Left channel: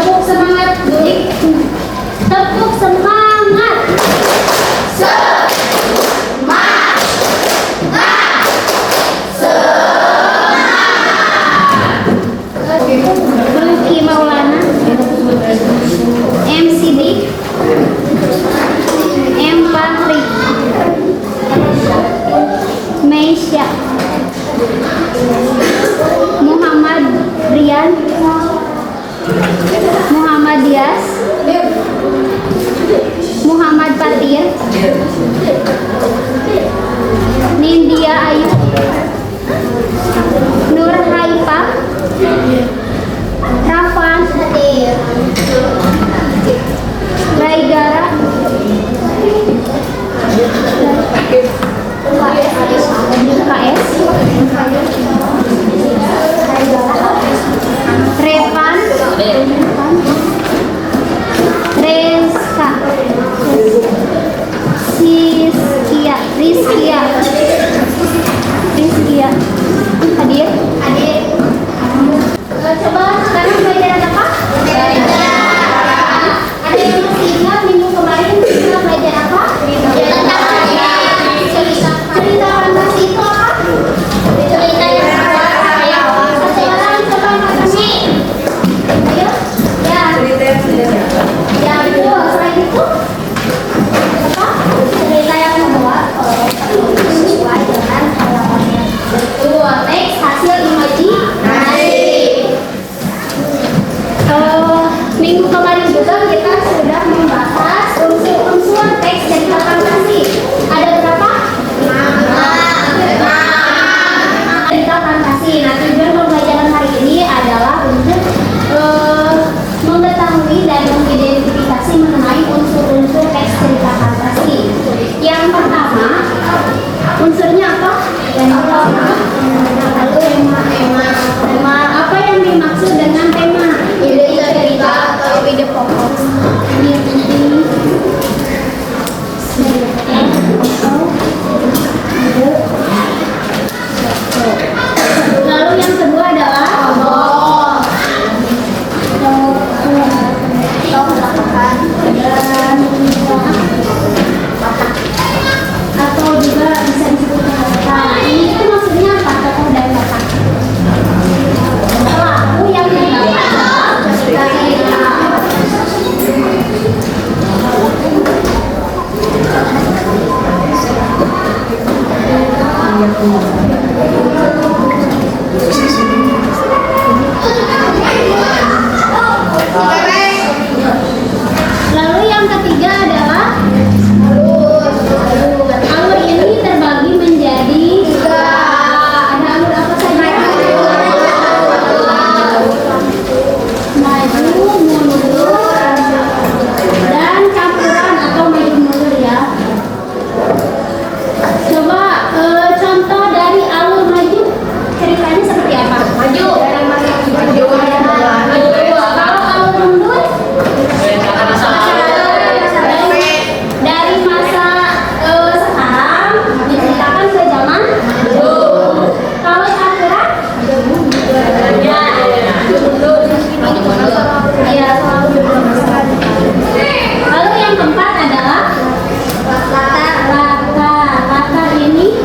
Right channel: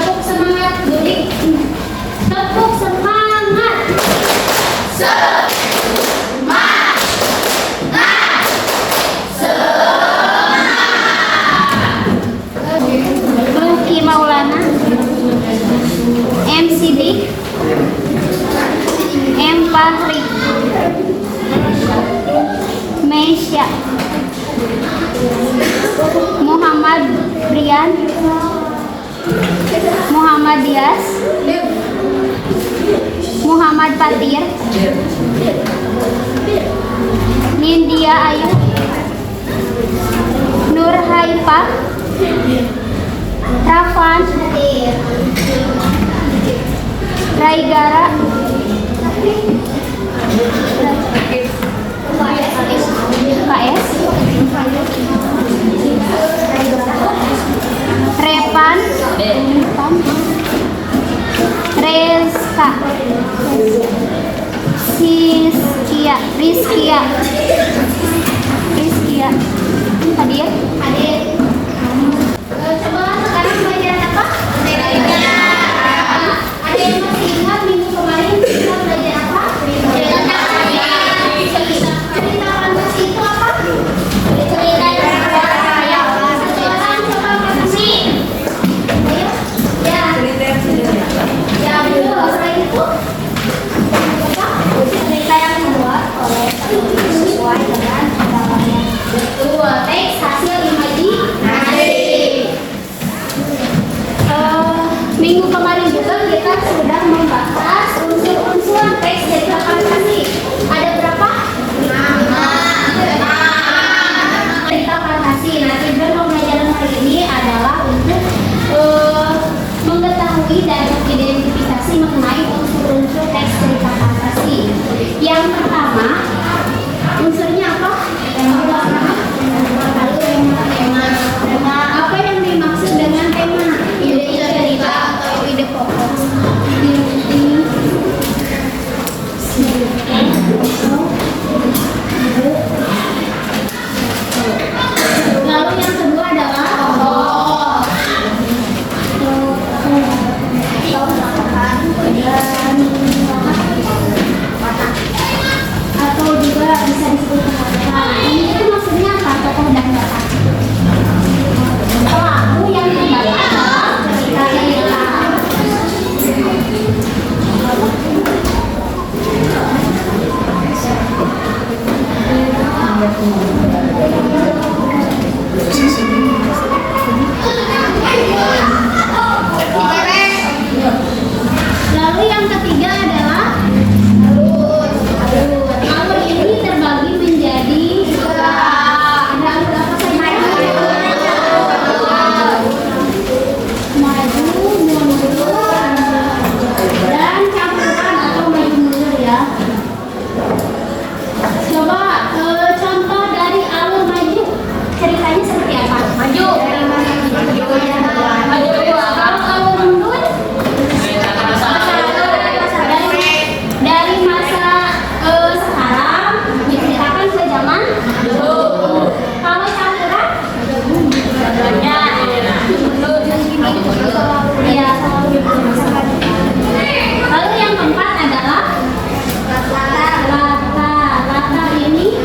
Tepuk semangat, Budik. Tepuk semangat. Lucky Maulana, M. Sidik, M. Patrick, Meisya, Muhammad Brian, Muhammad Dias, Muhammad Fatir, Nindya Ayu, Nur Haifah, Rafan, Raigara, Revan, Reska, Rizkia, hadir. Coba sekarang pelajaran apa? Ada yang masih ingat minggu kemarin kita belajar apa? Cerita fantasi itu apa? Cerita yang satu orang coba fantasi. Ayo, ya. Yang kedua selain itu apa? Cerita yang kedua sesuai dengan halamannya. Betul. Teks hasil imajinasi. Minggu kemarin juga kita sudah membahas unsur-unsur teks cerita fantasi. Ada berapa? 5 cerita fantasi. Nah, tujuan pembelajaran hari ini adalah untuk mengetahui dan mengidentifikasi mengenai unsur-unsur teks cerita fantasi. Yang pertama, unsurnya apa? Yang pertama, tema. Apa yang dimaksud dengan tema? Ide cerita atau ide pokok. Lalu yang kedua adalah atau juga bisa disebut tokoh. Ini itu maksudnya apa? Tokoh dan watak. Pelaku yang mendapat dari lalu yang ketiga adalah alur ini terbagi menjadi ada alur apa saja? Maju, mundur, dan campuran atau maju mundur ya. Coba contoh dari alur maju, ceritanya seperti apa? Maju. Kalau alur mundur dari masa sekarang diceritakan ke zaman dulu. Kalau campuran ya. Lalu yang keempat adalah latar ini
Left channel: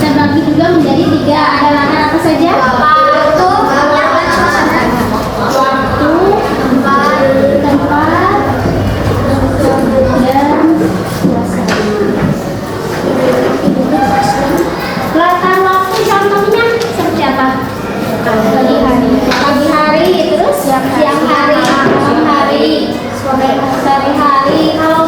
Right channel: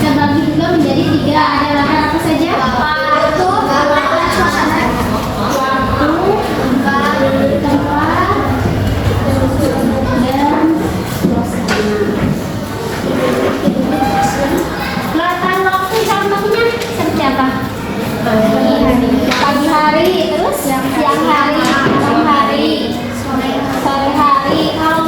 terbagi juga menjadi 3. Ada latar apa saja? Waktu, tempat, dan suasana. Latar waktu contohnya seperti apa? Pagi hari, terus siang hari, malam hari, sore hari. Kalau